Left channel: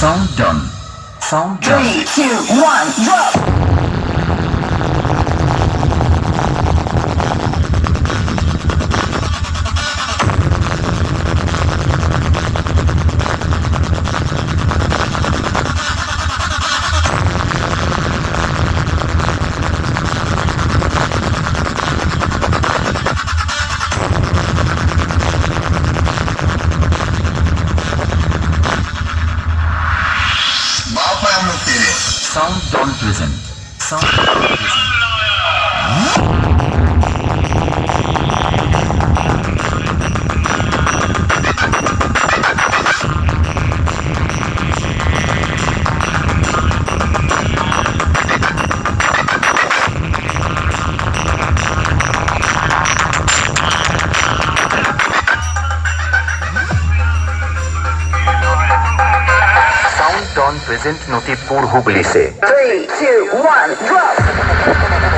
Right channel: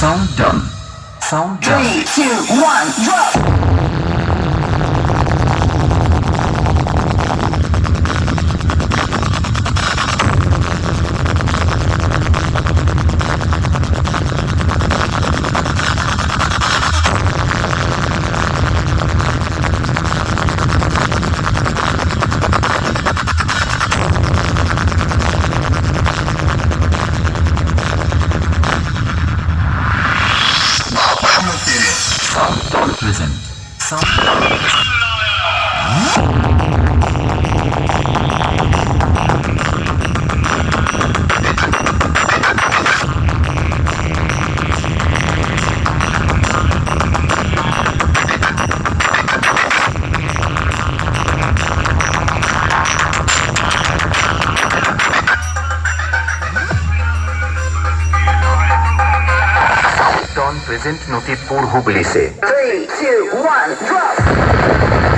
Sound done. Sound done. 3, 2, 1, drop! Listen. Sound Present Notipur Hubli se 3, 2, 1, drop!